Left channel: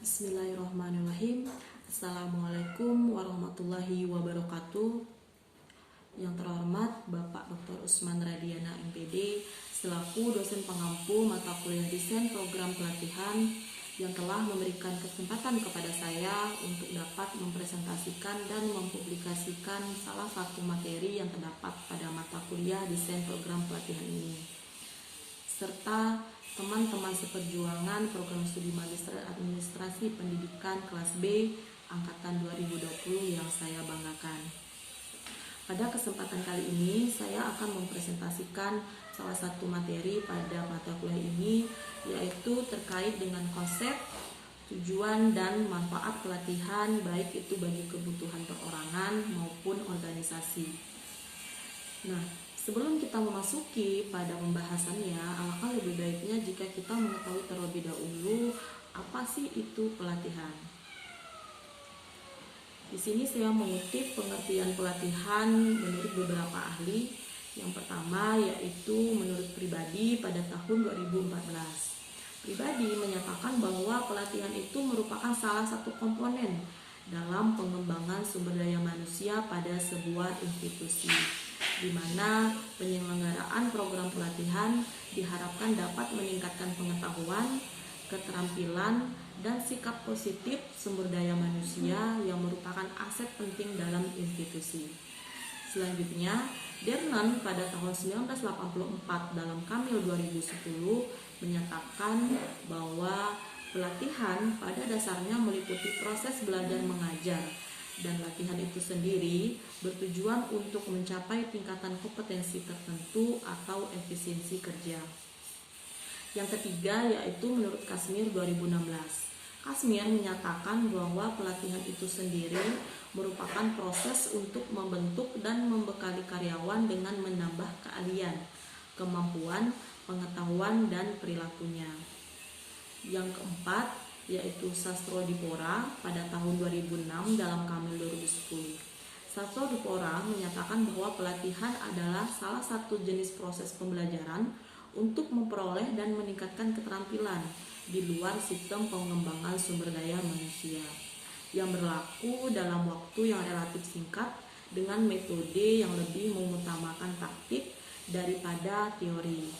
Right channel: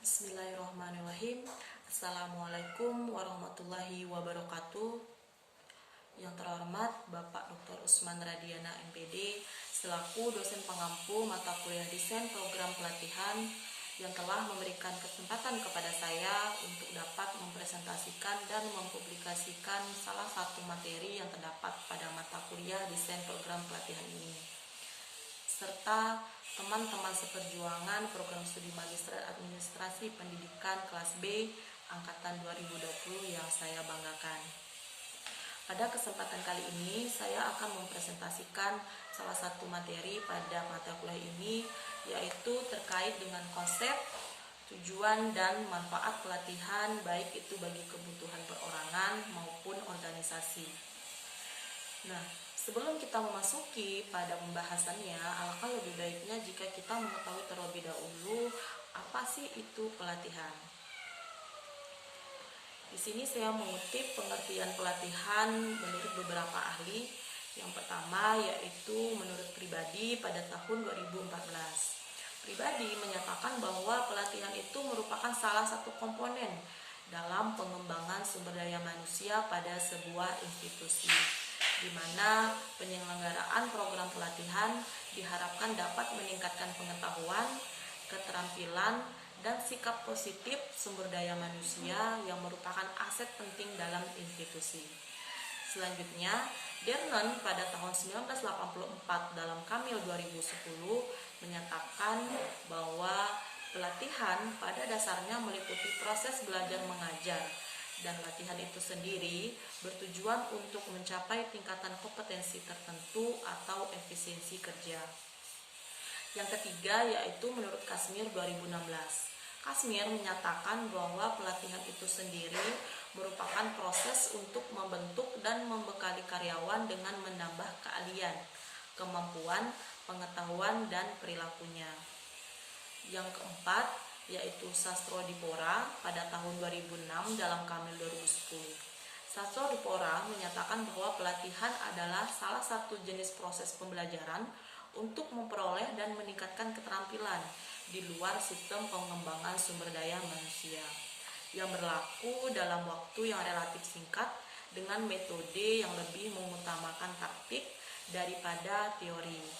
Bismillahirrahmanirrahim. Assalamualaikum warahmatullahi wabarakatuh. Yang terhormat Bapak Dr. Usman Radiana MPD selaku dosen pengampu mata kuliah desain program pelatihan yang telah memberikan kesempatan kepada saya untuk dapat mempresentasikan dan mempublikasikan salah satu materi yang terdapat pada mata kuliah desain program pelatihan ini, serta teman-teman seperjuangan program studi Magister Administrasi Pendidikan kelas B angkatan 2020 yang saya banggakan. Pada kesempatan kali ini saya akan mempresentasikan salah satu materi pada mata kuliah ini, yaitu terkait dengan konsep, tujuan dan manfaat pelatihan, baik itu bagi kebutuhan perorangan maupun organisasi. Nah, sebelum kita memasuki pada pembahasannya, alangkah lebih baiknya jika kita mengetahui terlebih dahulu apa sih itu pelatihan. Di sini saya mengutip pengertian pelatihan menurut beberapa ahli. Yang pertama yaitu menurut Pribadi pada tahun 2014. Pribadi menyatakan bahwa pelatihan itu merupakan salah satu komponen dalam pengembangan sumber daya manusia pada sebuah institusi, di mana penyelenggaraan program pelatihan diharapkan dapat meningkatkan pengetahuan, keterampilan, dan sikap positif sumber daya manusia yang merupakan aset penting dalam institusi. Selanjutnya, Dernan pada tahun 1984 dalam Kamil 2010 menyatakan bahwa pelatihan pada dasarnya meliputi proses belajar mengajar, dan latihan itu sendiri bertujuan untuk mencapai tingkatan kompetensi tertentu atau efisiensi kerja. Yang ketiga yaitu menurut Kasmir 2016. Kasmir menyatakan bahwa pelatihan itu sendiri merupakan proses untuk membentuk dan membekali karyawan dengan menambah keahlian, kemampuan, pengetahuan, dan perilakunya. Yang keempat yaitu Sastrodipora pada tahun 2006 dalam Kamil 2010. Sastrodipora menyatakan bahwa pelatihan adalah salah satu jenis proses pembelajaran untuk memperoleh dan meningkatkan keterampilan di luar sistem pengembangan sumber daya manusia yang berlaku dalam waktu yang relatif singkat dengan metode yang lebih mengutamakan taktik daripada teori.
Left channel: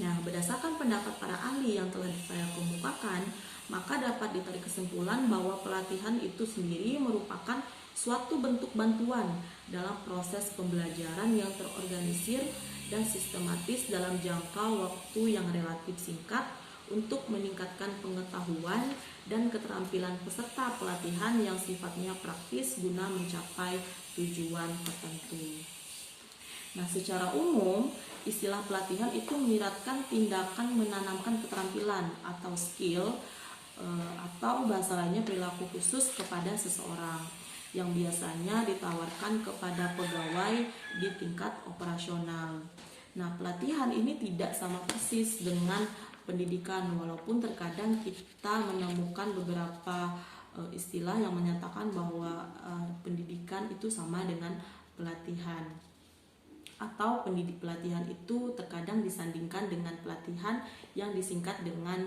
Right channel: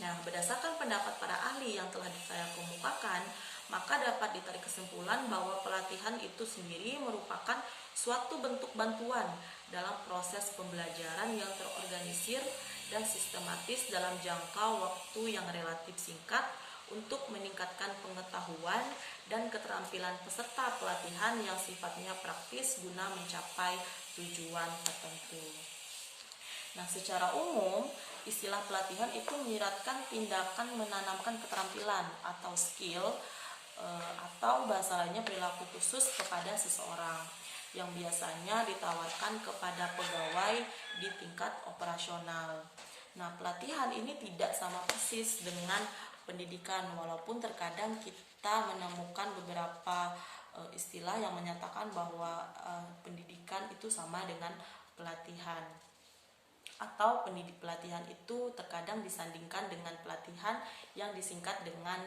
Nah, berdasarkan pendapat para ahli yang telah saya kemukakan, maka dapat ditarik kesimpulan bahwa pelatihan itu sendiri merupakan suatu bentuk bantuan dalam proses pembelajaran yang terorganisir dan sistematis dalam jangka waktu yang relatif singkat untuk meningkatkan pengetahuan dan keterampilan peserta pelatihan yang sifatnya praktis guna mencapai tujuan tertentu. Nah, secara umum, istilah pelatihan itu menyiratkan tindakan menanamkan keterampilan atau skill atau bahasa lainnya perilaku khusus kepada seseorang yang biasanya ditawarkan kepada pegawai di tingkat operasional. Nah, pelatihan ini tidak sama persis dengan pendidikan, walaupun terkadang kita menemukan beberapa istilah yang menyatakan bahwa pendidikan itu sama dengan pelatihan, atau pendidik pelatihan itu terkadang disandingkan dengan pelatihan yang disingkat dengan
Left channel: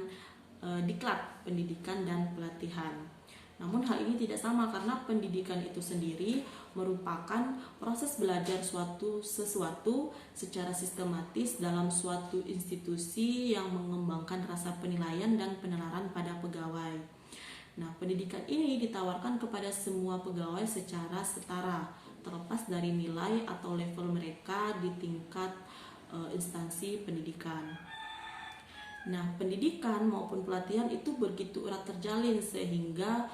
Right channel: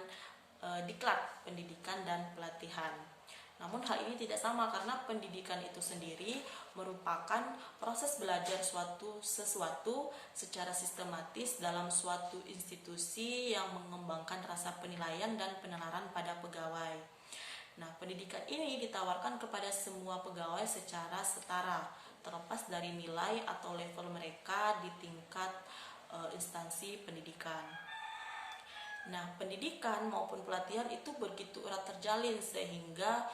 diklat pendidikan dan pelatihan. Namun hal ini tidak sama karena pendidikan itu sendiri merupakan proses belajar sesuatu secara sistematis dalam suatu institusi yang mengembangkan rasa penilaian dan penalaran pada pegawai. Nah, pendidikan ini ditawarkan kepada semua pegawai secara setara, terlepas dari nilai atau level mereka di tingkat instansi pendidikan. Nah, pendidikan maupun pelatihan itu begitu erat terjalin sehingga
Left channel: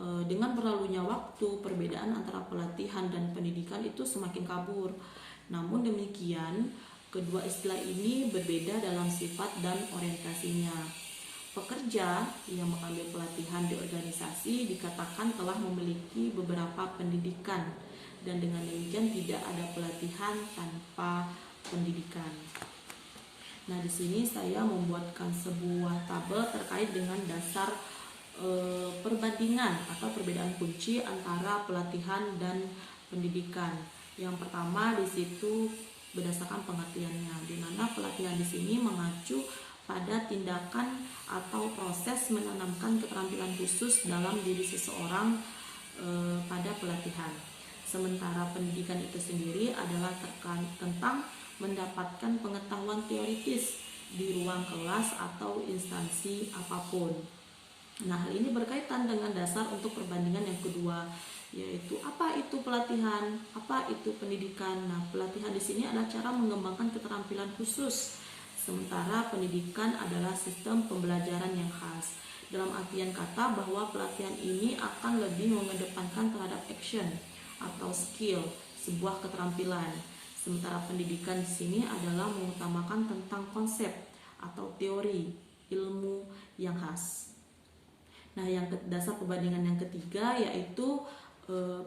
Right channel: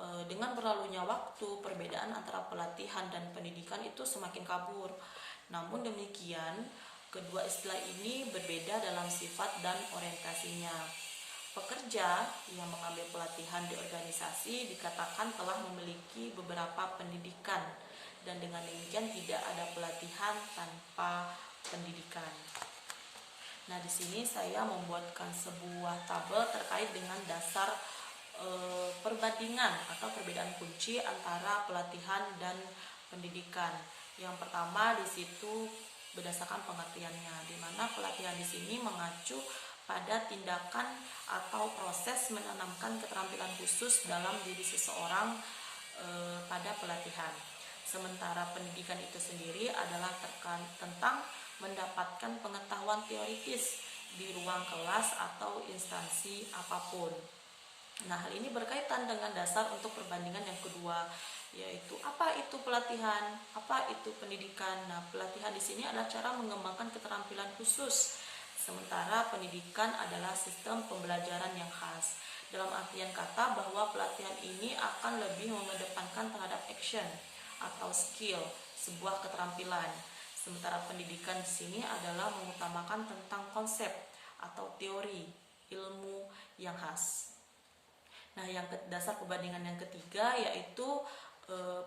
dengan berlalunya waktu, perbedaan antara pelatihan dan pendidikan itu semakin kabur. Namun demikian, kedua istilah ini berbeda dalam sifat dan orientasinya. Pekerja yang mengambil pelatihan di organisasi dikatakan telah memiliki beberapa pendidikan, dan dengan demikian tidak ada pelatihan tanpa pendidikan. Nah, di sini saya membuatkan sebuah tabel terkait dengan dasar perbandingan atau perbedaan kunci antara pelatihan dan pendidikan. Yang pertama di situ berdasarkan pengertiannya, di mana pelatihan di sini mengacu pada tindakan atau proses menanamkan keterampilan khusus dalam diri seseorang pada pelatihan. Sementara pendidikan itu sendiri adalah tentang mendapatkan pengetahuan teoritis di ruang kelas atau instansi apapun. Nah, hal ini berkaitan dengan dasar untuk perbandingan yang kedua, yaitu apa itu pelatihan, apa itu pendidikan. Nah, pelatihan di sini adalah cara mengembangkan keterampilan khusus, sementara pendidikan adalah sistem pembelajaran yang khas. Dalam artian kata bahwa pelatihan ini akan lebih mengedepankan terhadap action atau skill, sebuah keterampilan. Sementara pendidikan di sini adalah mengutamakan tentang konsep atau teori ilmu yang khas. Nah, yang dasar perbandingan yang ketiga yaitu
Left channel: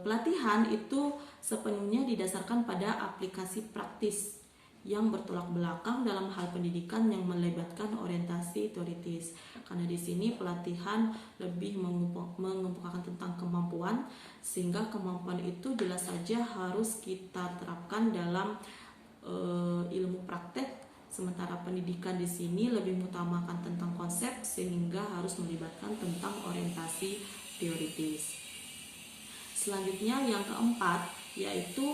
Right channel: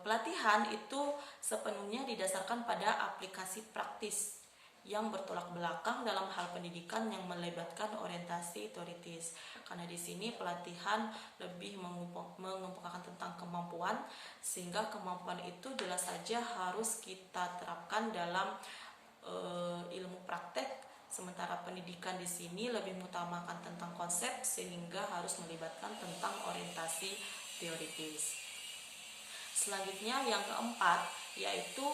pelatihan itu sepenuhnya didasarkan pada aplikasi praktis yang bertolak belakang dalam hal pendidikan yang melibatkan orientasi teoritis. Karena di sini pelatihan lebih mengemukakan tentang kemampuan, sehingga kemampuan itu jelas saja harus kita terapkan dalam ilmu praktek. Sementara pendidikan di sini lebih mengutamakan tentang konsep, sehingga harus melibatkan tentang orientasi teoritis. Selanjutnya yang keempat yaitu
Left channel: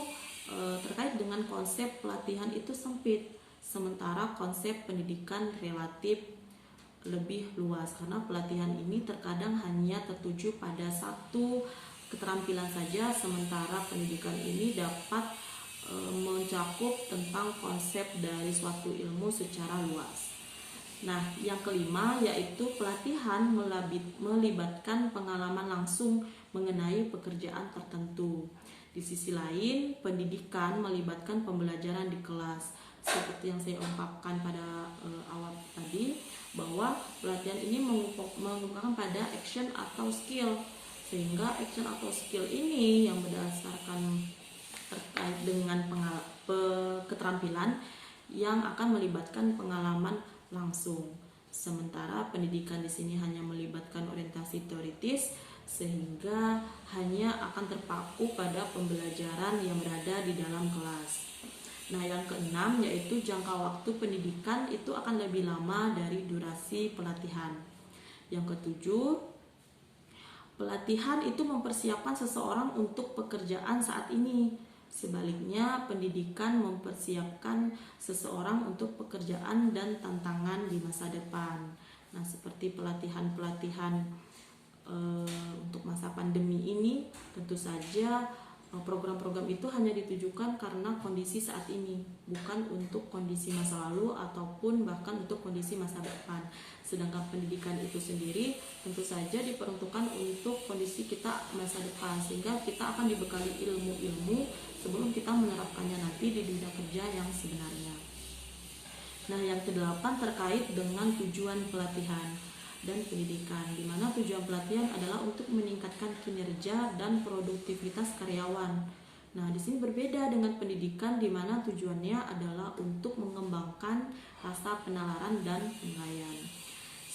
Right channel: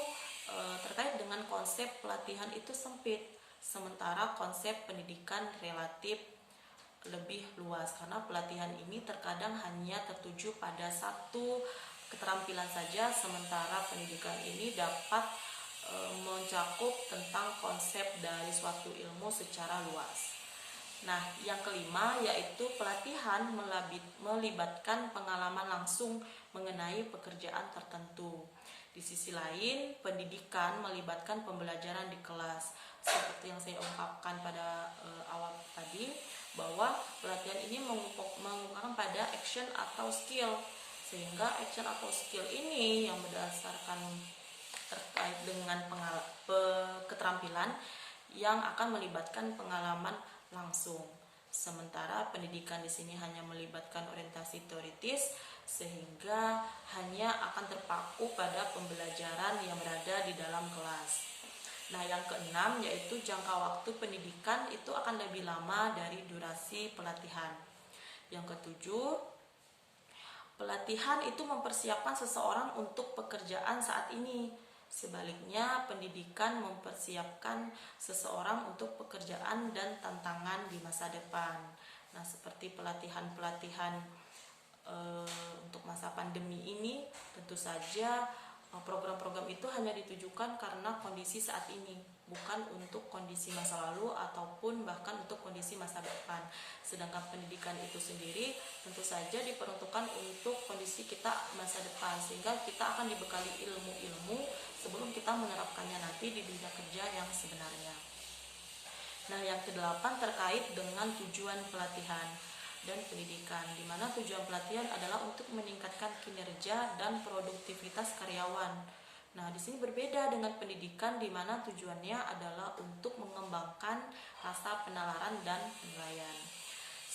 terkait dengan konsep pelatihan itu sempit, sementara konsep pendidikan relatif lebih luas, karena pelatihan ini terkadang hanya tertuju pada satu keterampilan saja, sementara pendidikan ini dapat mencakup tentang konsep dari suatu ilmu secara luas. Nah, yang kelima yaitu pelatihan melibatkan pengalaman langsung mengenai pekerjaan tertentu. Di sisi lain, pendidikan melibatkan pembelajaran di kelas. Seperti yang saya ungkapkan pada awal tadi, bahwa pelatihan ini mengungkapkan pada action atau skill. Sehingga action atau skill ini yang berdasarkan terkait dengan keterampilan yang akan melibatkan pengalaman langsung. Sementara pendidikan di sini hanya melibatkan orientasi teoritis, sehingga hanya akan terpaku pada pembelajaran yang berada di dalam kelas. Nah, yang keenam yaitu jangka waktu pendidikan itu akan lebih lama dari durasi pelatihan. Yang ketujuh, pelatihan itu mempersiapkan seseorang untuk pekerjaan saat ini. Sebaliknya, pendidikan mempersiapkan seseorang untuk pekerjaan dan tantangan di masa depan. Nah, seperti pelatihan-pelatihan untuk masa pandemi ini, tentu saja program-program itu hanya ditujukan karena kondisi saat ini, bukan untuk kondisi masa lalu ataupun bahkan untuk kondisi masa depan. Sedangkan pendidikan itu sendiri tentu saja diperuntukkan untuk kondisi kita masa depan, sehingga kita akan dibekali ilmu-ilmu sebelum kita menerapkannya nanti di dunia kerja yang sebenarnya. Nah, yang kedelapan terkait dengan tujuan pelatihan dan pendidikan, di mana tujuan pelatihan adalah untuk meningkatkan kinerja dan produktivitas karyawan. Nah, di sini berbeda dengan pendidikan, di mana tujuannya adalah untuk mengembangkan rasa penalaran dan penilaian.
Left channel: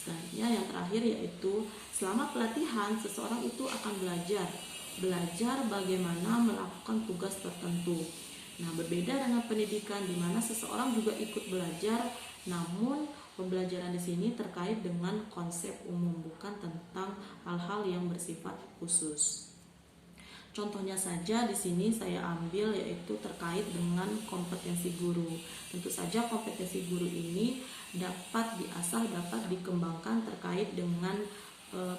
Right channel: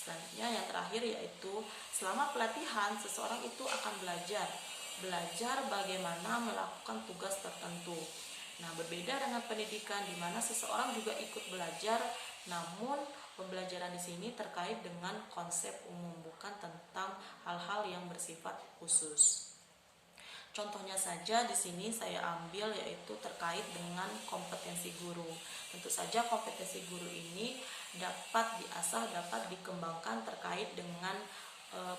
Selanjutnya yang terakhir yaitu selama pelatihan seseorang itu akan belajar bagaimana melakukan tugas tertentu. Nah, berbeda dengan pendidikan di mana seseorang juga ikut belajar, namun pembelajaran di sini terkait dengan konsep umum, bukan tentang hal-hal yang bersifat khusus. Contohnya saja di sini saya ambil yaitu terkait dengan kompetensi guru. Tentu saja kompetensi guru ini dapat diasah, dapat dikembangkan terkait dengan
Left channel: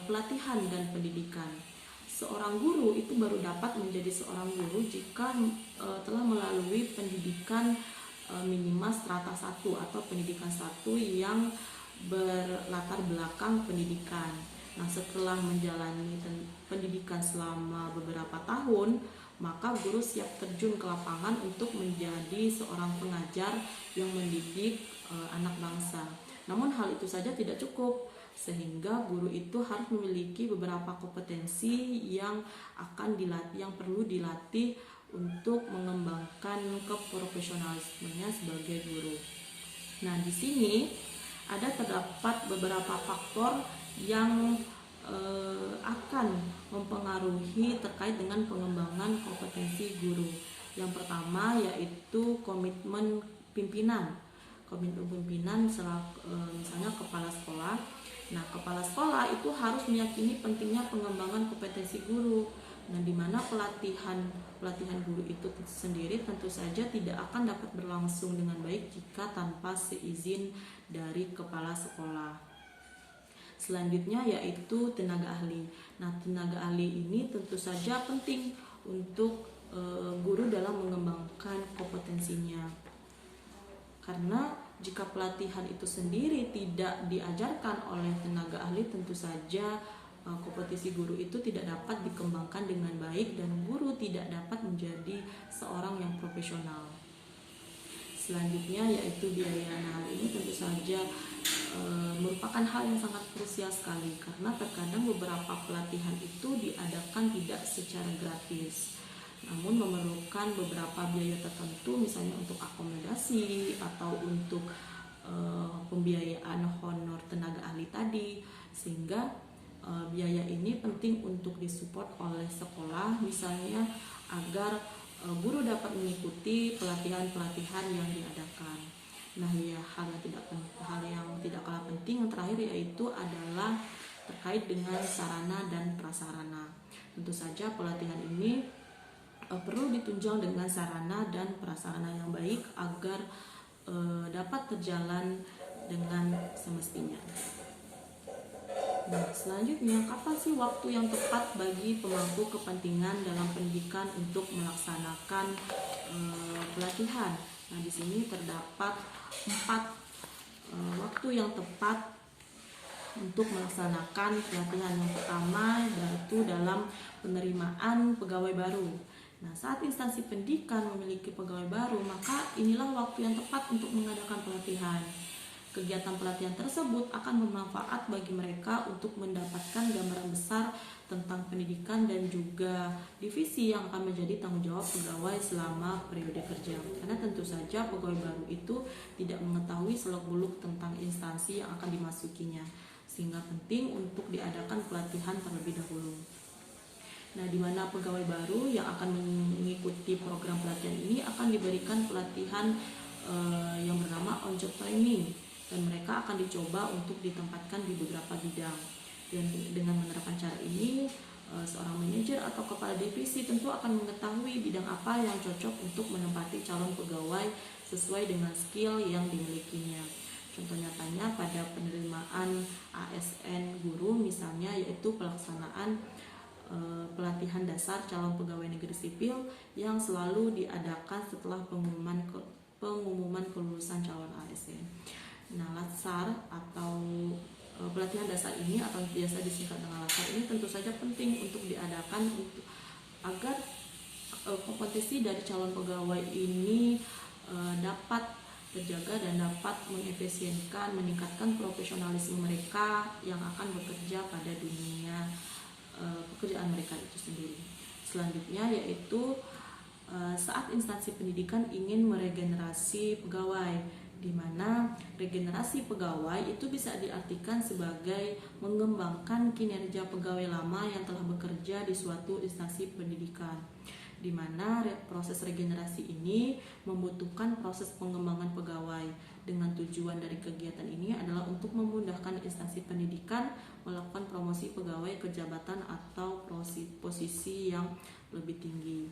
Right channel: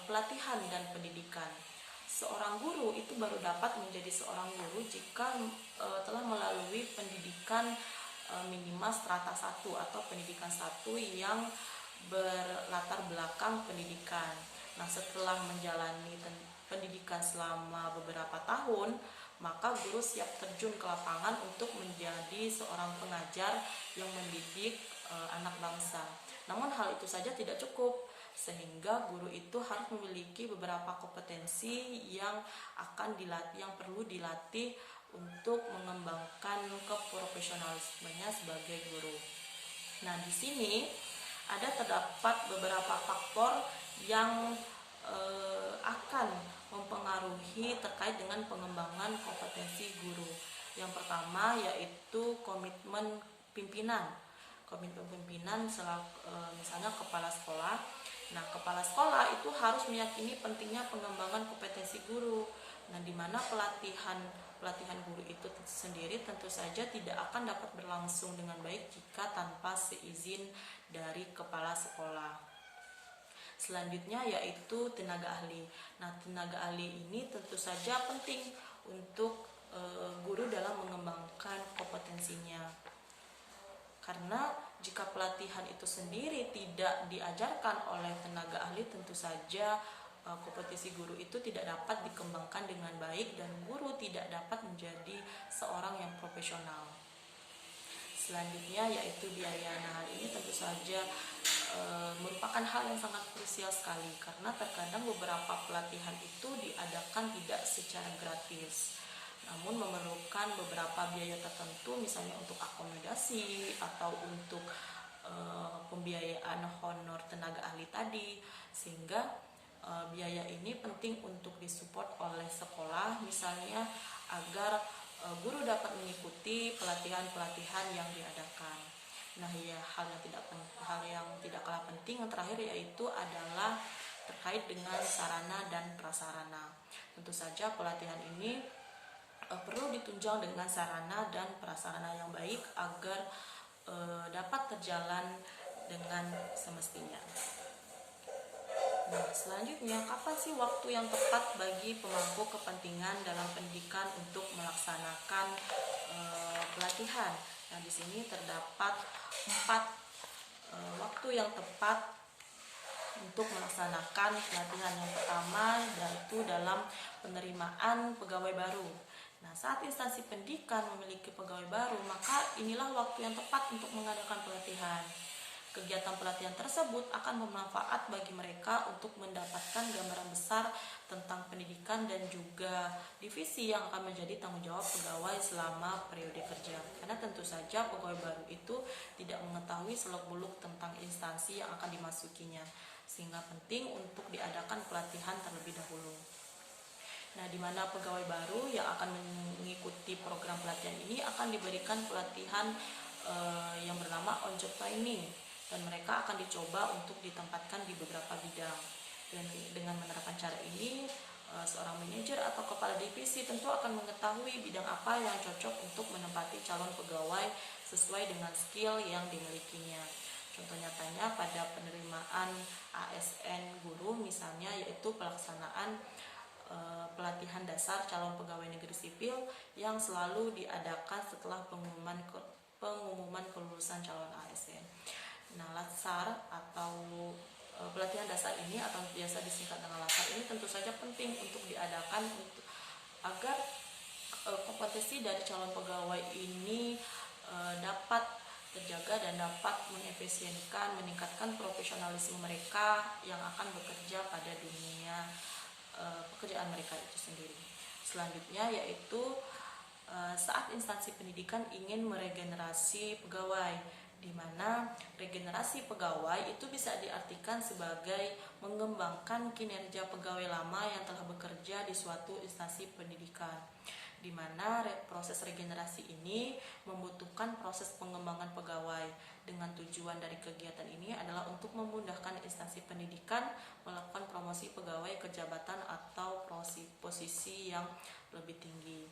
pelatihan dan pendidikan. Seorang guru itu baru dapat menjadi seorang guru jika telah melalui pendidikan minimal strata 1 atau pendidikan 1 yang berlatar belakang pendidikan. Nah, setelah menjalani pendidikan selama beberapa tahun, maka guru siap terjun ke lapangan untuk menjadi seorang pengajar yang mendidik anak bangsa. Namun hal itu saja tidak cukup, sehingga guru itu harus memiliki beberapa kompetensi yang akan dilatih, yang perlu dilatih untuk mengembangkan keprofesionalismenya sebagai guru. Nah, di sini terdapat beberapa faktor yang akan mempengaruhi terkait dengan pengembangan kompetensi guru. Yang pertama yaitu komitmen pimpinan. pimpinan misalnya kepala sekolah. Nah, kepala sekolah itu harus meyakini pentingnya pengembangan kompetensi guru. Nah, di mana pelatihan guru itu sendiri tentu saja tidak akan dapat berlangsung dengan baik jika tanpa seizin dari kepala sekolah. Selanjutnya yaitu tenaga ahli. Nah, tenaga ahli ini tentu saja penting untuk guru dalam mengembangkan kompetensinya. Karena jika pelatihan itu sendiri tidak diajarkan oleh tenaga ahli, tentu saja kompetensi guru itu tidak dapat dikembangkan dengan baik dan guru tidak dapat menjadi seorang yang profesional. Selanjutnya yaitu biaya. Nah, hal ini tentu saja merupakan hal yang sangat krusial sekali karena terkadang beberapa pelatihan itu diadakan tidak secara gratis, namun memerlukan beberapa biaya tertentu, misalnya untuk akomodasi atau untuk pembiayaan honor tenaga ahli tadi, sehingga biaya ini penting untuk disupport oleh sekolah, misalnya agar guru dapat mengikuti pelatihan-pelatihan yang diadakan. Nah, ya, hal yang tidak kalah penting yang terakhir yaitu adalah terkait dengan sarana dan prasarana. Tentu saja pelatihan ini perlu ditunjang dengan sarana dan prasarana yang baik agar dapat berjalan dengan semestinya. Nah, selanjutnya, kapan sih waktu yang tepat bagi pemangku kepentingan dalam pendidikan untuk melaksanakan pelatihan? Nah, di sini terdapat 4 waktu yang tepat untuk melaksanakan pelatihan. Yang pertama yaitu dalam penerimaan pegawai baru. Nah, saat instansi pendidikan memiliki pegawai baru, maka inilah waktu yang tepat untuk mengadakan pelatihan. Kegiatan pelatihan tersebut akan bermanfaat bagi mereka untuk mendapatkan gambaran besar tentang pendidikan dan juga divisi yang akan menjadi tanggung jawab pegawai selama periode kerja. Karena tentu saja pegawai baru itu tidak mengetahui seluk-beluk tentang instansi yang akan dimasukinya, sehingga penting untuk diadakan pelatihan terlebih dahulu. Nah, di mana pegawai baru yang akan mengikuti program pelatihan ini akan diberikan pelatihan yang bernama on job training, dan mereka akan dicoba untuk ditempatkan di beberapa bidang. Dan dengan menerapkan cara ini, seorang manajer atau kepala divisi tentu akan mengetahui bidang apa yang cocok untuk menempati calon pegawai sesuai dengan skill yang dimilikinya. Contoh nyatanya pada penerimaan ASN guru misalnya, yaitu pelaksanaan pelatihan dasar calon pegawai negeri sipil yang selalu diadakan setelah pengumuman kelulusan calon ASN. Nah, LASAR atau pelatihan dasar ini atau biasa disingkat dengan LASAR ini tentu saja penting untuk diadakan agar kompetensi dari calon pegawai ini dapat terjaga dan dapat mengefisienkan, meningkatkan profesionalisme mereka yang akan bekerja pada dunia pekerjaan mereka itu sendiri. Selanjutnya yaitu saat instansi pendidikan ingin meregenerasi pegawai, di mana regenerasi pegawai itu bisa diartikan sebagai mengembangkan kinerja pegawai lama yang telah bekerja di suatu instansi pendidikan, di mana proses regenerasi ini membutuhkan proses pengembangan pegawai, dengan tujuan dari kegiatan ini adalah untuk memudahkan instansi pendidikan melakukan promosi pegawai ke jabatan atau posisi yang lebih tinggi.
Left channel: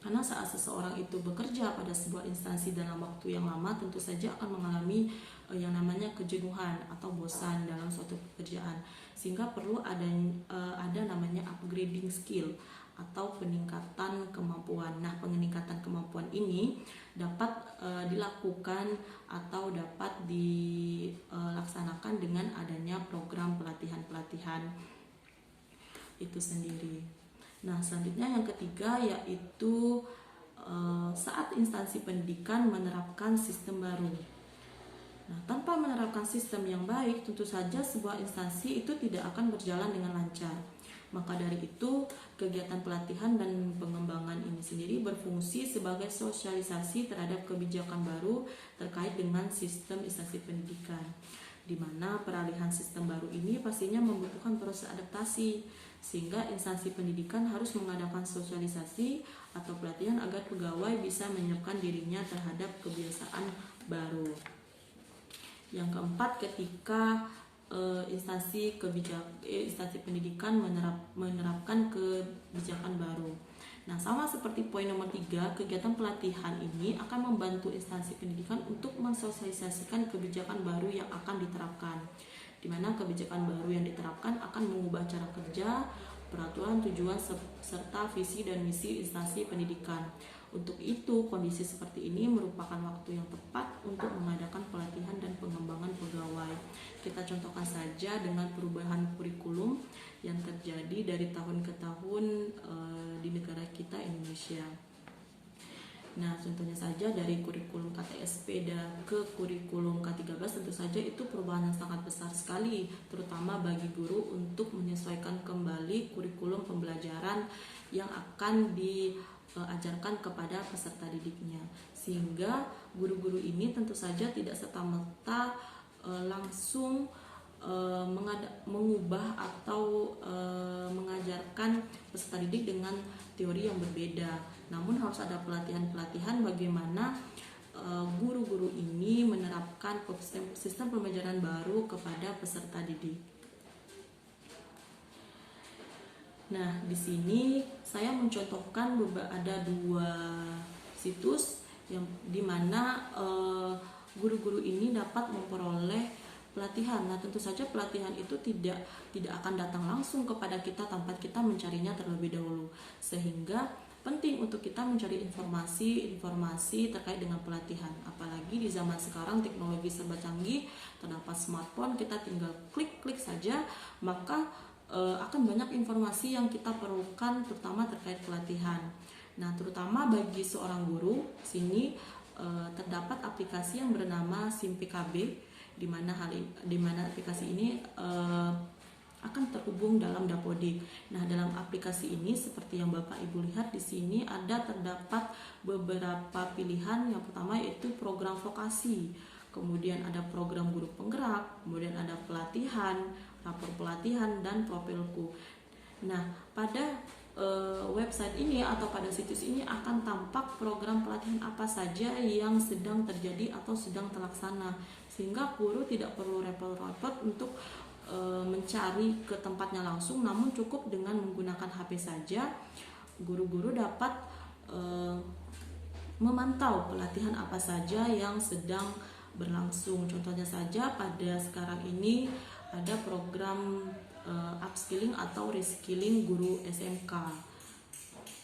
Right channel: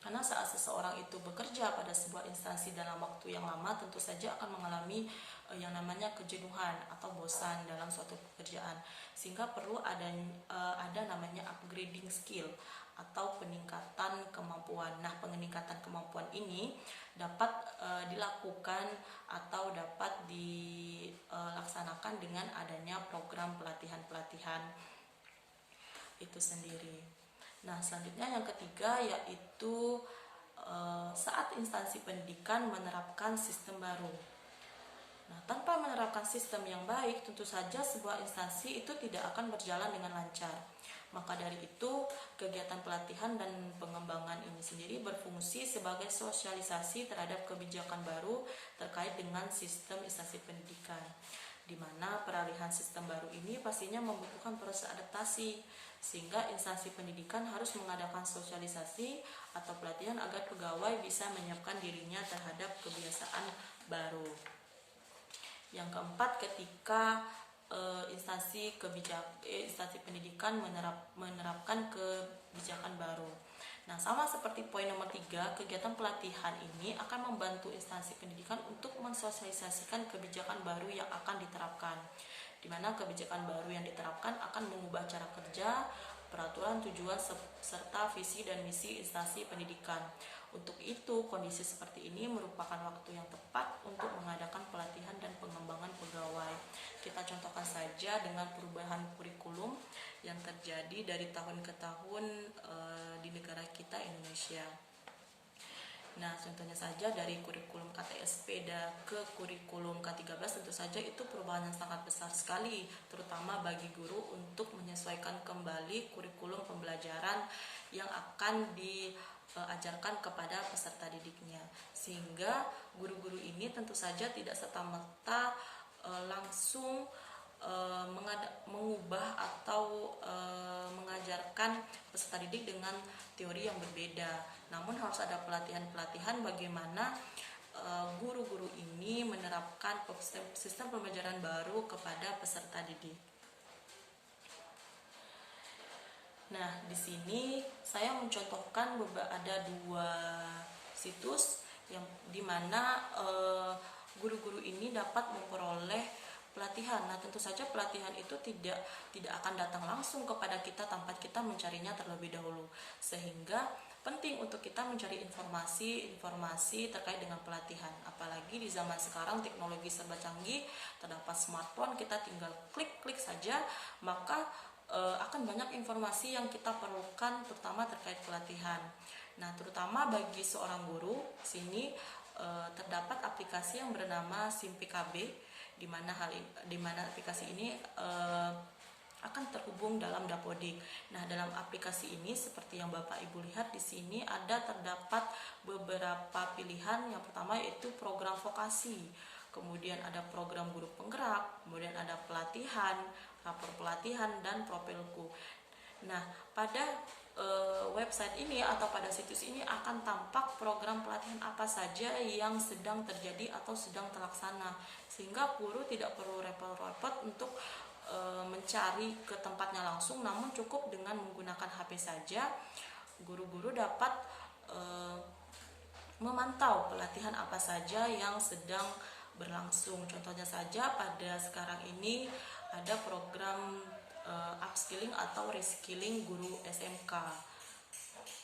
Karena saat seseorang itu bekerja pada sebuah instansi dalam waktu yang lama, tentu saja akan mengalami yang namanya kejenuhan atau bosan dalam suatu pekerjaan, sehingga perlu ada namanya upgrading skill atau peningkatan kemampuan. Nah, peningkatan kemampuan ini dapat dilakukan atau dapat dilaksanakan dengan adanya program pelatihan-pelatihan itu sendiri. Nah, selanjutnya yang ketiga yaitu saat instansi pendidikan menerapkan sistem baru. Nah, tanpa menerapkan sistem yang baik, tentu saja sebuah instansi itu tidak akan berjalan dengan lancar. Maka dari itu, kegiatan pelatihan dan pengembangan ini sendiri berfungsi sebagai sosialisasi terhadap kebijakan baru terkait dengan sistem instansi pendidikan, di mana peralihan sistem baru ini pastinya membutuhkan proses adaptasi, sehingga instansi pendidikan harus mengadakan sosialisasi atau pelatihan agar pegawai bisa menyiapkan dirinya terhadap kebiasaan baru. Yang keempat, ketika instansi pendidikan menerapkan kebijakan baru. Nah, sama seperti poin nomor 3, kegiatan pelatihan ini akan membantu instansi pendidikan untuk mensosialisasikan kebijakan baru yang akan diterapkan, di mana kebijakan baru yang diterapkan akan mengubah cara kerja, peraturan, tujuan, serta visi dan misi instansi pendidikan. Untuk itu, kondisi seperti ini merupakan waktu yang tepat untuk mengadakan pelatihan dan pengembangan pegawai. Kita contohkan saja dengan perubahan kurikulum yang terjadi dari tahun ke tahun di negara kita, Indonesia. Nah, contohnya saja dari kurikulum KTSP ke kurikulum K13, tentu saja itu perubahan yang sangat besar sekali, terutama bagi guru untuk menyesuaikan kembali kurikulum pembelajaran yang akan diajarkan kepada peserta didiknya. Sehingga guru-guru ini tentu saja tidak serta-merta langsung mengubah atau mengajarkan peserta didik dengan teori yang berbeda. Namun harus ada pelatihan-pelatihan bagaimana guru-guru ini menerapkan sistem pembelajaran baru kepada peserta didik. Nah, di sini saya mencontohkan ada 2 situs yang dimana guru-guru ini dapat memperoleh pelatihan. Nah, tentu saja pelatihan itu tidak akan datang langsung kepada kita tanpa kita mencarinya terlebih dahulu. Sehingga penting untuk kita mencari informasi terkait dengan pelatihan. Apalagi di zaman sekarang teknologi serba canggih, terdapat smartphone, kita tinggal klik saja, maka akan banyak informasi yang kita perlukan, terutama terkait pelatihan. Nah, terutama bagi seorang guru, sini terdapat aplikasi yang bernama SimPKB, di mana aplikasi ini akan terhubung dalam Dapodik. Nah, dalam aplikasi ini seperti yang Bapak Ibu lihat di sini terdapat beberapa pilihan. Yang pertama yaitu program vokasi, kemudian ada program guru penggerak, kemudian ada pelatihan, rapor pelatihan, dan profilku. Nah, pada website ini atau pada situs ini akan tampak program pelatihan apa saja yang sedang terjadi atau sedang terlaksana, sehingga guru tidak perlu repot-repot untuk mencari ke tempatnya langsung, namun cukup dengan menggunakan HP saja guru-guru dapat memantau pelatihan apa saja yang sedang berlangsung. Contohnya saja pada sekarang ini ada program upskilling atau reskilling guru SMK.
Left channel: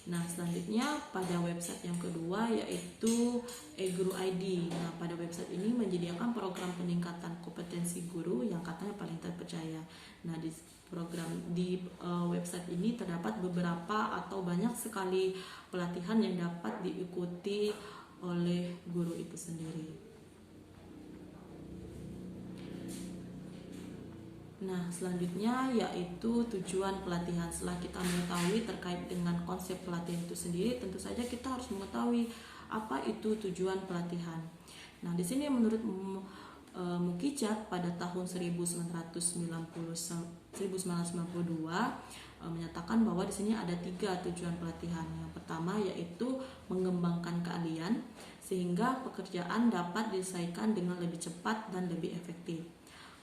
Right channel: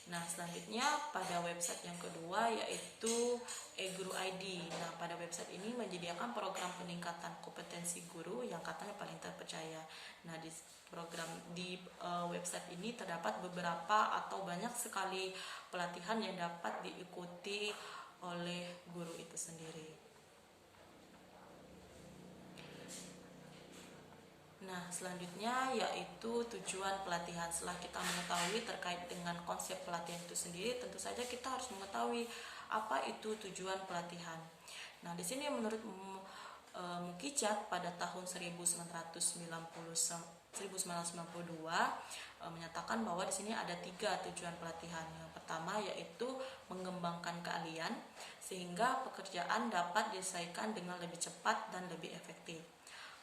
Nah, selanjutnya pada website yang kedua yaitu eGuru ID. Nah, pada website ini menyediakan program peningkatan kompetensi guru yang katanya paling terpercaya. Nah, di website ini terdapat beberapa atau banyak sekali pelatihan yang dapat diikuti oleh guru itu sendiri. Nah, selanjutnya yaitu tujuan pelatihan. Setelah kita mengetahui terkait dengan konsep pelatihan itu sendiri, tentu saja kita harus mengetahui apa itu tujuan pelatihan. Nah, di sini menurut Mukijat pada tahun 1992 menyatakan bahwa di sini ada 3 tujuan pelatihan. Yang pertama yaitu mengembangkan keahlian sehingga pekerjaan dapat diselesaikan dengan lebih cepat dan lebih efektif.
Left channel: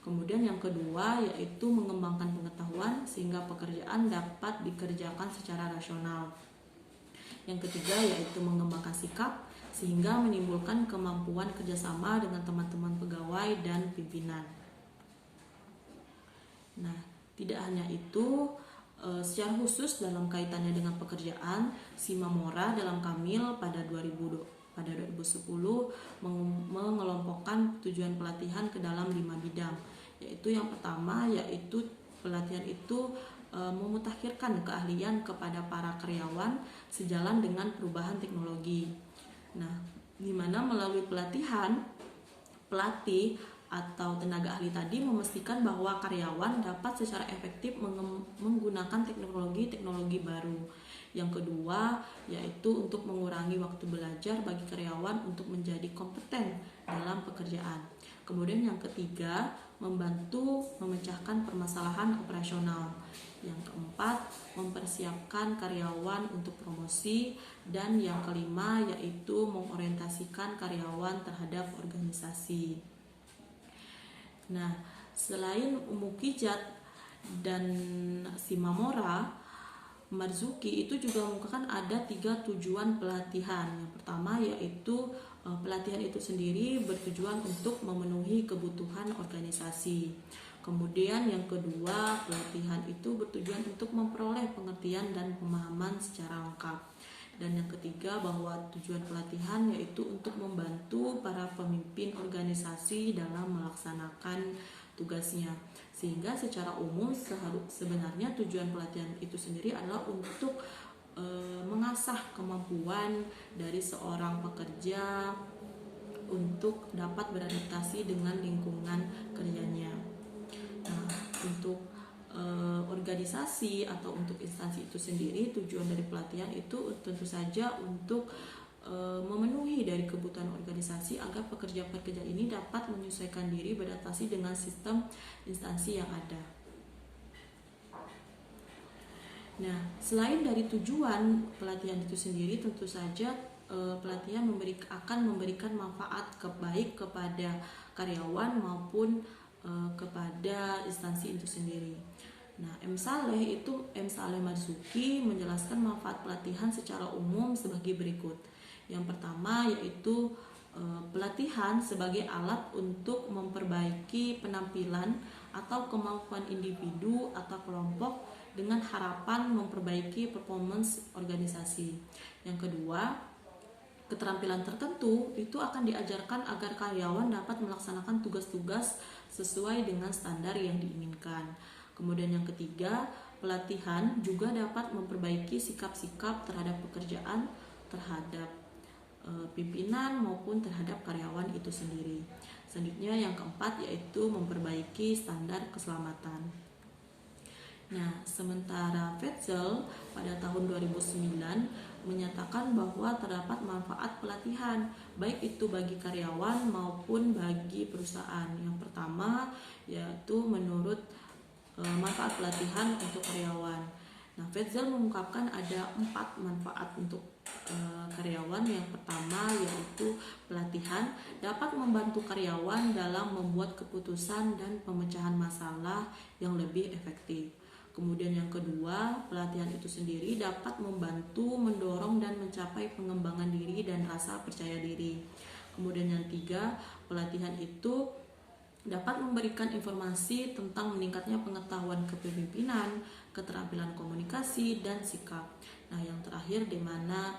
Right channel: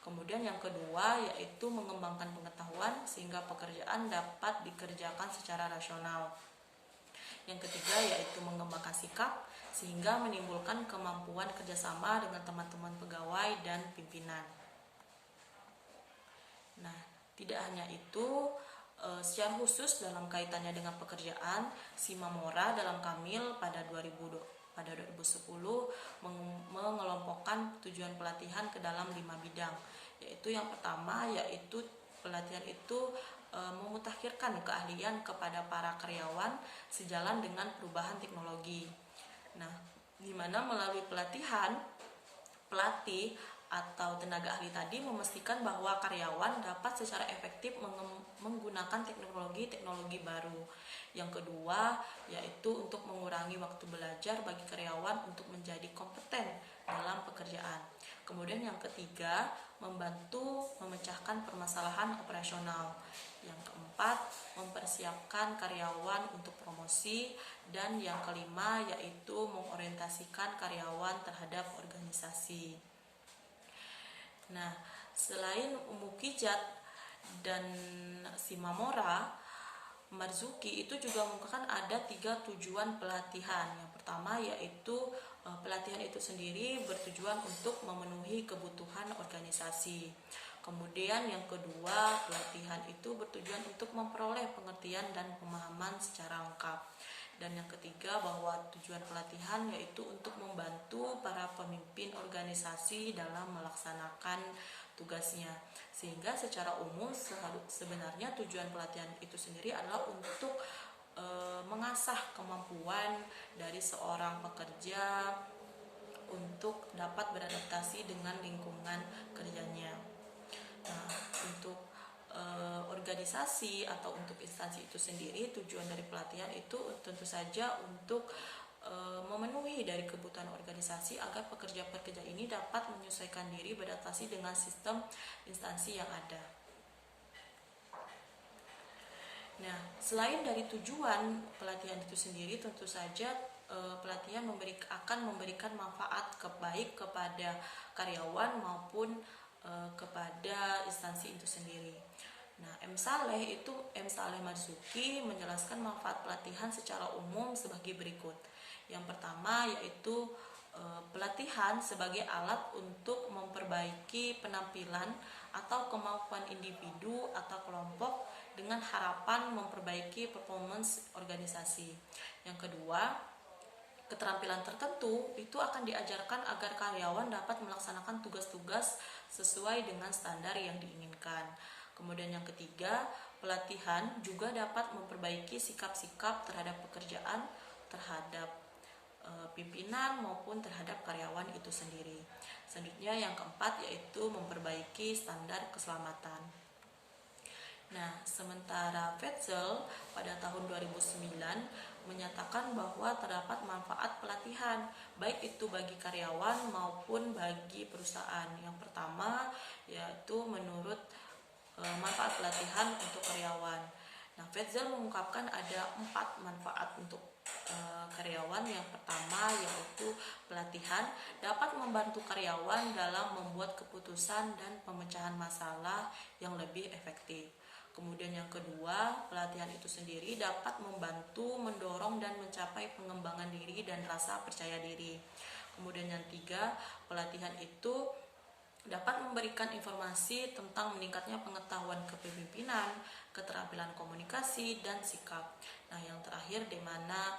Kemudian yang kedua yaitu mengembangkan pengetahuan sehingga pekerjaan dapat dikerjakan secara rasional. Yang ketiga yaitu mengembangkan sikap sehingga menimbulkan kemampuan kerjasama dengan teman-teman pegawai dan pimpinan. Nah, tidak hanya itu, secara khusus dalam kaitannya dengan pekerjaan, Simamora dalam Kamil pada 2010 mengelompokkan tujuan pelatihan ke dalam 5 bidang, yaitu yang pertama yaitu pelatihan itu memutakhirkan keahlian kepada para karyawan sejalan dengan perubahan teknologi. Nah, di mana melalui pelatihan, pelatih atau tenaga ahli tadi memastikan bahwa karyawan dapat secara efektif menggunakan teknologi baru. Yang kedua yaitu untuk mengurangi waktu belajar bagi karyawan untuk menjadi kompeten dalam pekerjaan. Kemudian yang ketiga, membantu memecahkan permasalahan operasional. Yang keempat, mempersiapkan karyawan untuk promosi. Dan yang kelima yaitu mengorientasikan karyawan terhadap organisasi. Nah, selain Umukijat dan Shimamura, Marzuki itu juga mengungkapkan ada 3 tujuan pelatihan. Yang pertama yaitu pelatihan itu sendiri bertujuan untuk memenuhi kebutuhan organisasi. Kemudian yang kedua, pelatihan itu bertujuan untuk memperoleh pengertian dan pemahaman secara lengkap. Dan yang ketiga, bahwa tujuan pelatihan yaitu untuk membantu para pemimpin organisasi dalam melaksanakan tugasnya. Sehingga secara umum sebenarnya tujuan pelatihan itu sendiri adalah untuk mengasah kemampuan dari seorang pekerja untuk dapat beradaptasi dengan lingkungan kerjanya. Nah, untuk organisasi atau untuk instansi itu sendiri, tujuan dari pelatihan itu tentu saja untuk memenuhi dari kebutuhan organisasi agar pekerja-pekerja ini dapat menyesuaikan diri beradaptasi dengan sistem instansi yang ada. Nah, selain dari tujuan pelatihan itu sendiri, tentu saja pelatihan akan memberikan manfaat baik kepada karyawan maupun kepada instansi itu sendiri. Nah, M. Saleh Marzuki menjelaskan manfaat pelatihan secara umum sebagai berikut. Yang pertama yaitu pelatihan sebagai alat untuk memperbaiki penampilan atau kemampuan individu atau kelompok dengan harapan memperbaiki performance organisasi. Yang kedua, keterampilan tertentu itu akan diajarkan agar karyawan dapat melaksanakan tugas-tugas sesuai dengan standar yang diinginkan. Kemudian yang ketiga, pelatihan juga dapat memperbaiki sikap-sikap terhadap pekerjaan, terhadap pimpinan maupun terhadap karyawan itu sendiri. Selanjutnya yang keempat yaitu memperbaiki standar keselamatan. Nah, sementara Fetzel pada tahun 2009 menyatakan bahwa terdapat manfaat pelatihan baik itu bagi karyawan maupun bagi perusahaan. Yang pertama yaitu menurut manfaat pelatihan untuk karyawan. Nah, Fetzel mengungkapkan ada 4 manfaat untuk karyawan. Yang pertama yaitu pelatihan dapat membantu karyawan dalam membuat keputusan dan pemecahan masalah yang lebih efektif. Kemudian yang kedua, pelatihan itu sendiri dapat membantu mendorong dan mencapai pengembangan diri dan rasa percaya diri. Kemudian yang tiga, pelatihan itu dapat memberikan informasi tentang meningkatnya pengetahuan kepemimpinan, keterampilan komunikasi, dan sikap. Nah, yang terakhir di mana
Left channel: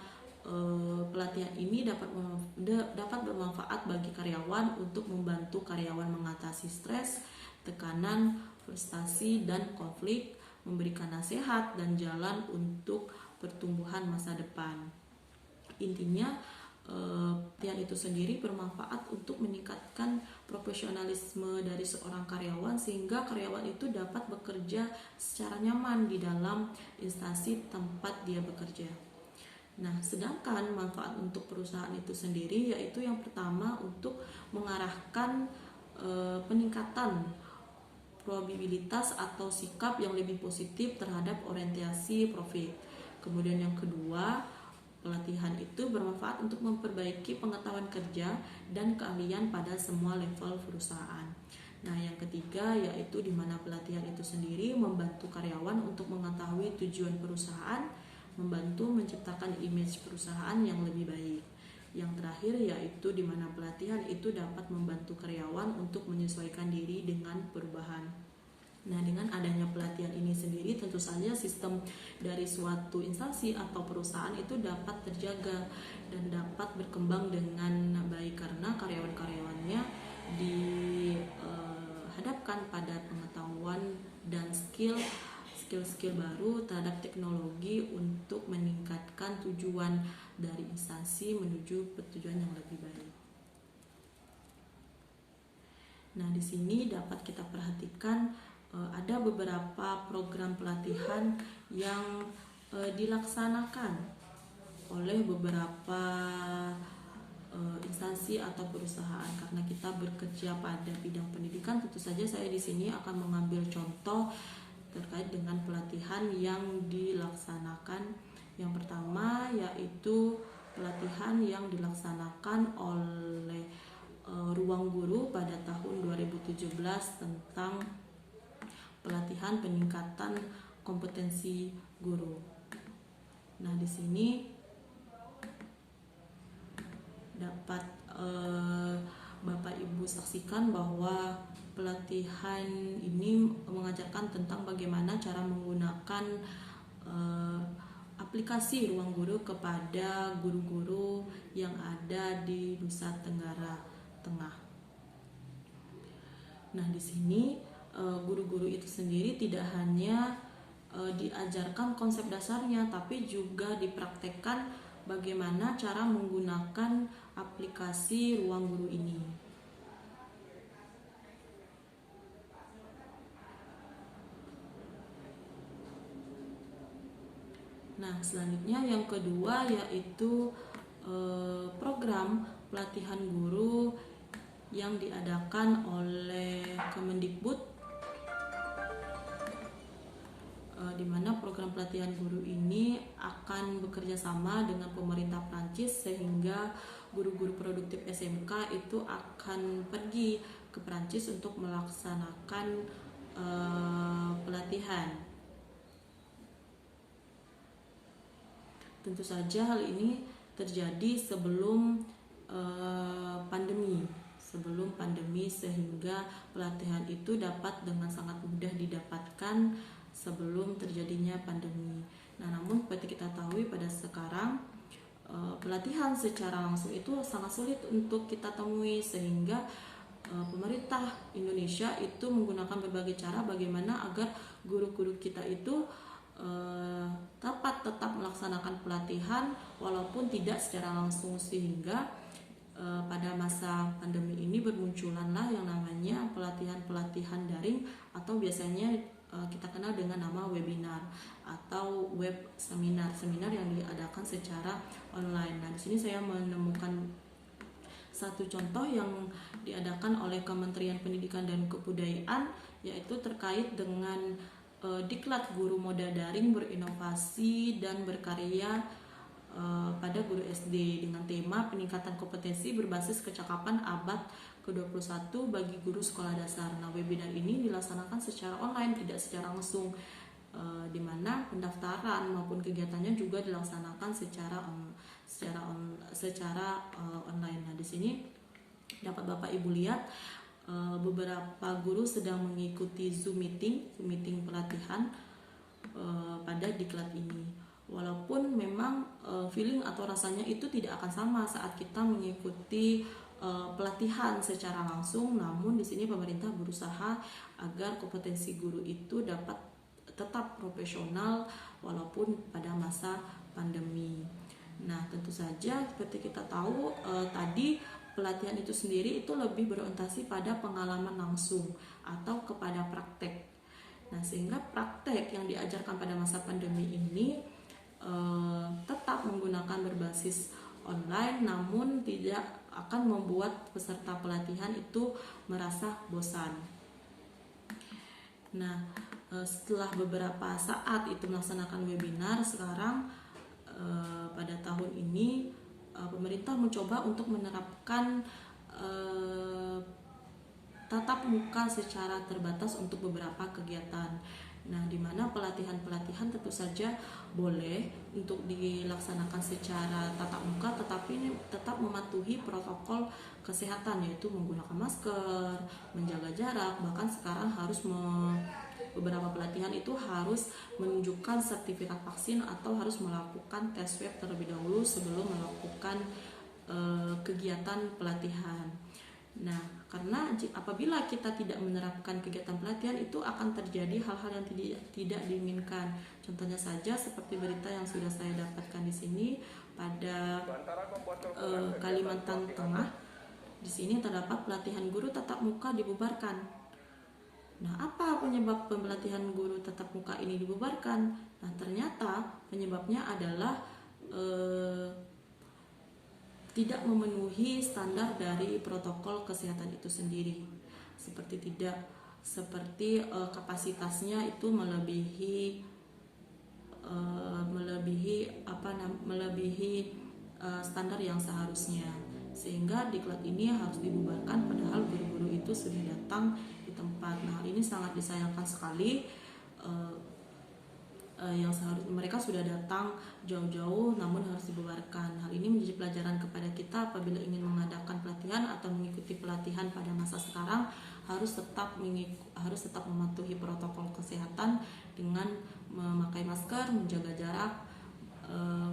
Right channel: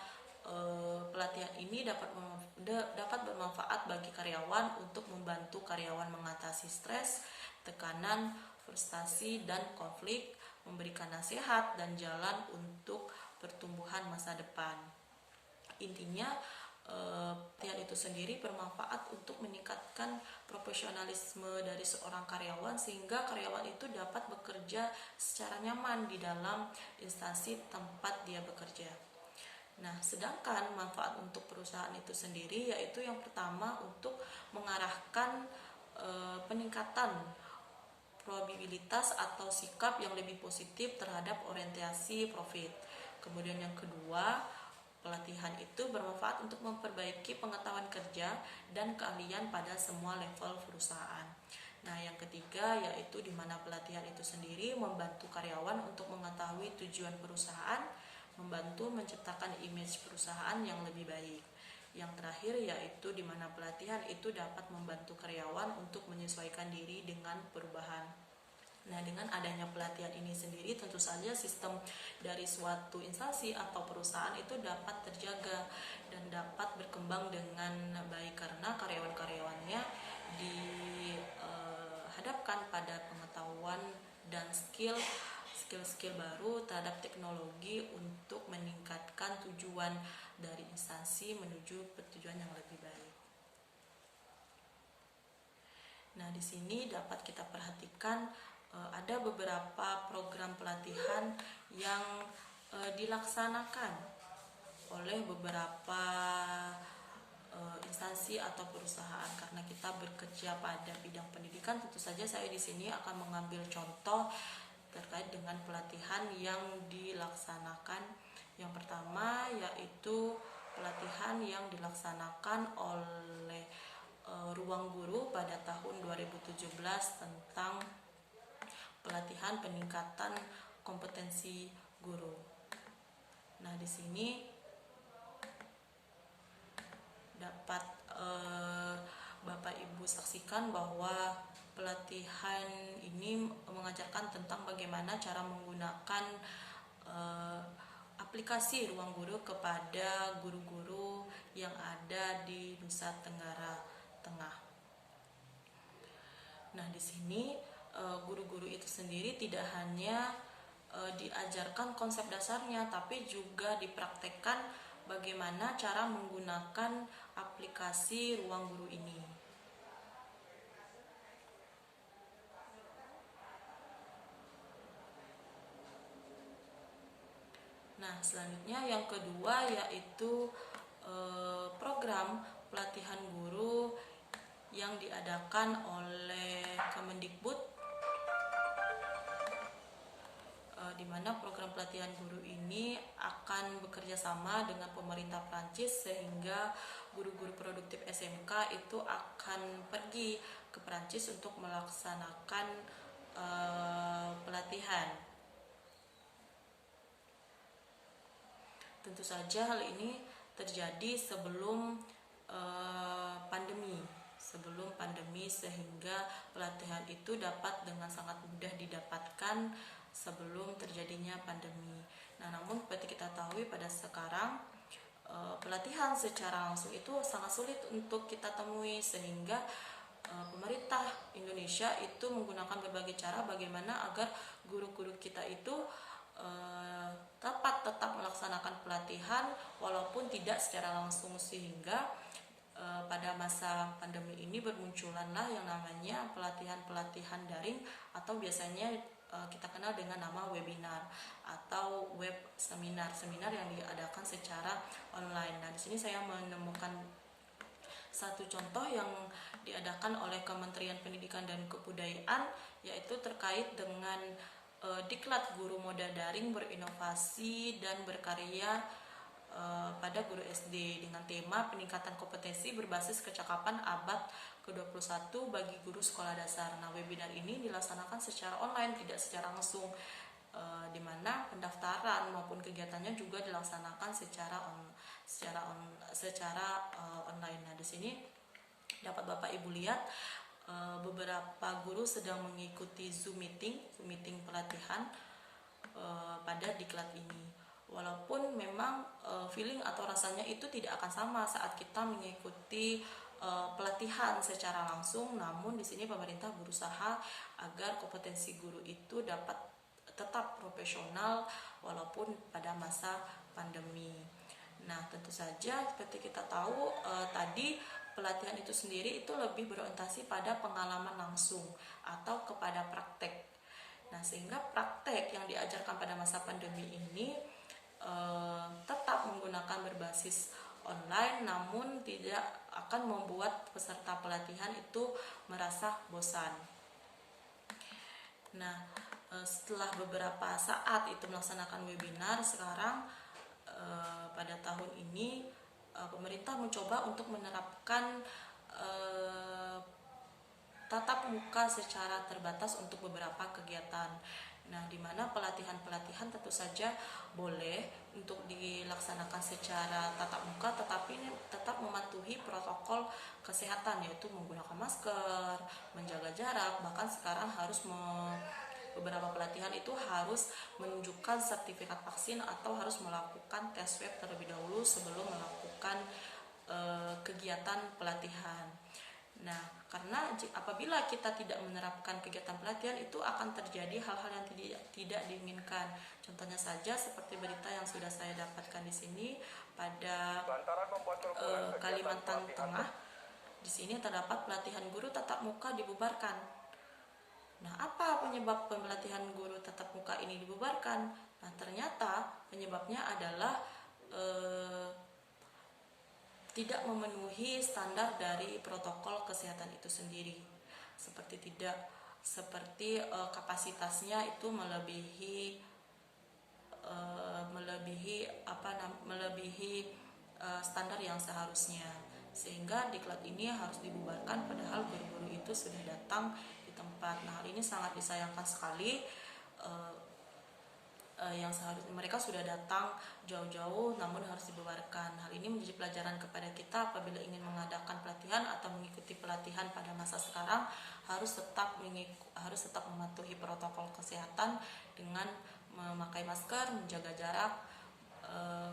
pelatihan ini dapat bermanfaat bagi karyawan untuk membantu karyawan mengatasi stres, tekanan, frustasi, dan konflik, memberikan nasihat dan jalan untuk pertumbuhan masa depan. Intinya, pelatihan itu sendiri bermanfaat untuk meningkatkan profesionalisme dari seorang karyawan sehingga karyawan itu dapat bekerja secara nyaman di dalam instansi tempat dia bekerja. Nah, sedangkan manfaat untuk perusahaan itu sendiri yaitu yang pertama untuk mengarahkan peningkatan probabilitas atau sikap yang lebih positif terhadap orientasi profit. Kemudian yang kedua, pelatihan itu bermanfaat untuk memperbaiki pengetahuan kerja dan keahlian pada semua level perusahaan. Nah, yang ketiga yaitu di mana pelatihan itu sendiri membantu karyawan untuk mengetahui tujuan perusahaan, membantu menciptakan image perusahaan yang lebih baik. Yang terakhir yaitu di mana pelatihan itu dapat membantu karyawan untuk menyesuaikan diri dengan perubahan. Nah, dengan adanya pelatihan ini sendiri tentu saja sistem dari suatu instansi atau perusahaan itu dapat terjaga dan dapat berkembang dengan baik karena karyawan-karyawannya dihadapkan pada pengetahuan dan skill baru terhadap teknologi untuk meningkatkan tujuan dari instansi menuju tujuan yang lebih baik. Nah, di sini dapat kita perhatikan ada beberapa program pelatihan yang dilaksanakan oleh beberapa instansi atau perusahaan. Karena kita bekerja pada bidang pendidikan, tentu saja saya di sini akan mengambil contoh terkait dengan pelatihan yang dilaksanakan. Yang pertama yaitu pelatihan yang dilaksanakan oleh Ruang Guru pada tahun 2017 tentang pelatihan peningkatan kompetensi guru. Nah, di sini dapat Bapak Ibu saksikan bahwa pelatihan ini mengajarkan tentang bagaimana cara menggunakan aplikasi Ruang Guru kepada guru-guru yang ada di Nusa Tenggara Tengah. Nah, di sini guru-guru itu sendiri tidak hanya diajarkan konsep dasarnya, tapi juga dipraktekkan bagaimana cara menggunakan aplikasi Ruang Guru ini. Nah, selanjutnya yang kedua yaitu program pelatihan guru yang diadakan oleh Kemendikbud, di mana program pelatihan guru ini akan bekerja sama dengan pemerintah Prancis, sehingga guru-guru produktif SMK itu akan pergi ke Prancis untuk melaksanakan pelatihan. Tentu saja hal ini terjadi sebelum pandemi, sehingga pelatihan itu dapat dengan sangat mudah didapatkan sebelum terjadinya pandemi. Nah, namun seperti kita tahu pada sekarang pelatihan secara langsung itu sangat sulit untuk kita temui, sehingga pemerintah Indonesia itu menggunakan berbagai cara bagaimana agar guru-guru kita itu dapat tetap melaksanakan pelatihan walaupun tidak secara langsung, sehingga pada masa pandemi ini bermunculanlah yang namanya pelatihan-pelatihan daring, atau biasanya kita kenal dengan nama webinar atau web seminar yang diadakan secara online. Nah, di sini saya menemukan satu contoh yang diadakan oleh Kementerian Pendidikan dan Kebudayaan, yaitu terkait dengan Diklat Guru Moda Daring Berinovasi dan Berkarya pada guru SD dengan tema peningkatan kompetensi berbasis kecakapan abad ke-21 bagi guru sekolah dasar. Nah, webinar ini dilaksanakan secara online, tidak secara langsung, di mana pendaftaran maupun kegiatannya juga dilaksanakan secara online. Nah, di sini dapat Bapak Ibu lihat beberapa guru sedang mengikuti Zoom meeting pelatihan pada diklat ini. Walaupun memang feeling atau rasanya itu tidak akan sama saat kita mengikuti pelatihan secara langsung, namun di sini pemerintah berusaha agar kompetensi guru itu dapat tetap profesional walaupun pada masa pandemi. Nah, tentu saja seperti kita tahu tadi pelatihan itu sendiri itu lebih berorientasi pada pengalaman langsung atau kepada praktek. Nah, sehingga praktek yang diajarkan pada masa pandemi ini tetap menggunakan berbasis online, namun tidak akan membuat peserta pelatihan itu merasa bosan. Nah, setelah beberapa saat itu melaksanakan webinar, sekarang pada tahun ini pemerintah mencoba untuk menerapkan tatap muka secara terbatas untuk beberapa kegiatan. Nah, di mana pelatihan-pelatihan tentu saja boleh untuk dilaksanakan secara tatap muka, tetapi ini tetap mematuhi protokol kesehatan, yaitu menggunakan masker, menjaga jarak, bahkan sekarang harus beberapa pelatihan itu harus menunjukkan sertifikat vaksin atau harus melakukan tes swab terlebih dahulu sebelum melakukan kegiatan pelatihan. Nah, karena apabila kita tidak menerapkan kegiatan pelatihan, itu akan terjadi hal-hal yang tidak diinginkan. Contohnya saja seperti berita yang sudah saya dapatkan di sini pada Kalimantan Tengah. Di sini terdapat pelatihan guru tatap muka dibubarkan. Nah, apa penyebab pelatihan guru tatap muka ini dibubarkan? Nah, ternyata penyebabnya adalah tidak memenuhi standar dari protokol kesehatan itu sendiri, seperti kapasitasnya itu melebihi standar yang seharusnya, sehingga diklat ini harus dibubarkan padahal guru-guru itu sudah datang di tempat. Nah, hal ini sangat disayangkan sekali. Yang seharusnya mereka sudah datang jauh-jauh namun harus dibubarkan. Hal ini menjadi pelajaran kepada kita apabila ingin mengadakan pelatihan atau mengikuti pelatihan pada masa sekarang harus tetap mematuhi protokol kesehatan dengan memakai masker, menjaga jarak,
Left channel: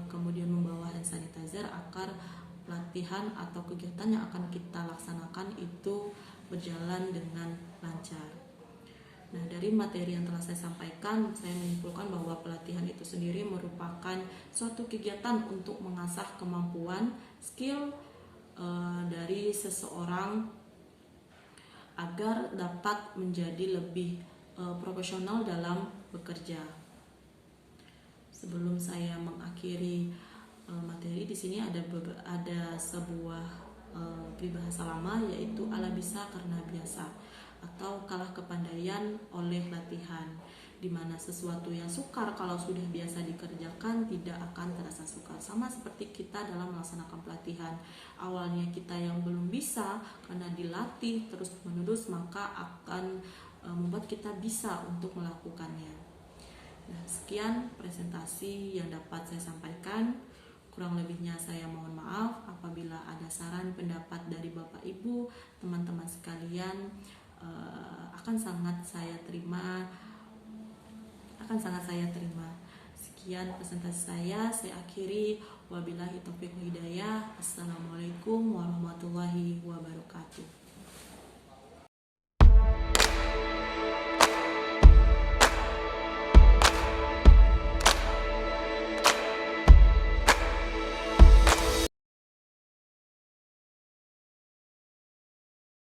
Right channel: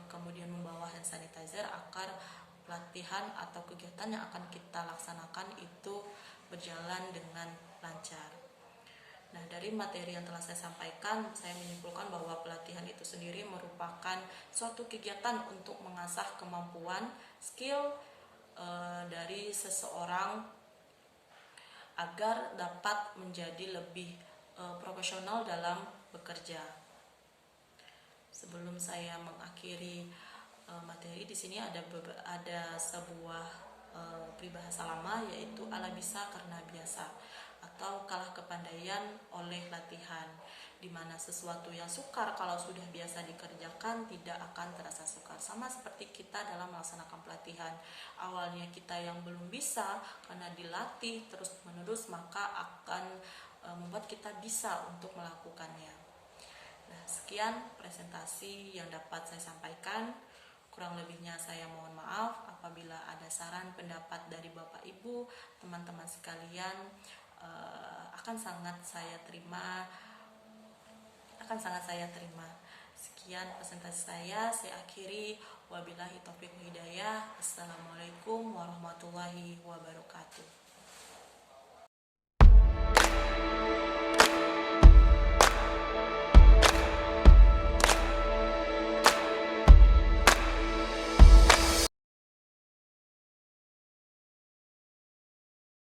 kemudian membawa hand sanitizer agar pelatihan atau kegiatan yang akan kita laksanakan itu berjalan dengan lancar. Nah, dari materi yang telah saya sampaikan, saya menyimpulkan bahwa pelatihan itu sendiri merupakan suatu kegiatan untuk mengasah kemampuan, skill dari seseorang agar dapat menjadi lebih profesional dalam bekerja. Sebelum saya mengakhiri materi, di sini ada sebuah peribahasa lama, yaitu ala bisa karena biasa atau kalah kepandaian oleh latihan, di mana sesuatu yang sukar kalau sudah biasa dikerjakan tidak akan terasa sukar. Sama seperti kita dalam melaksanakan pelatihan, awalnya kita yang belum bisa karena dilatih terus-menerus maka akan membuat kita bisa untuk melakukannya. Nah, sekian presentasi yang dapat saya sampaikan. Kurang lebihnya saya mohon maaf. Apabila ada saran pendapat dari Bapak Ibu, teman-teman sekalian, akan sangat saya terima. Sekian presentasi saya akhiri. Wabillahi taufiq wal hidayah. Assalamualaikum warahmatullahi wabarakatuh.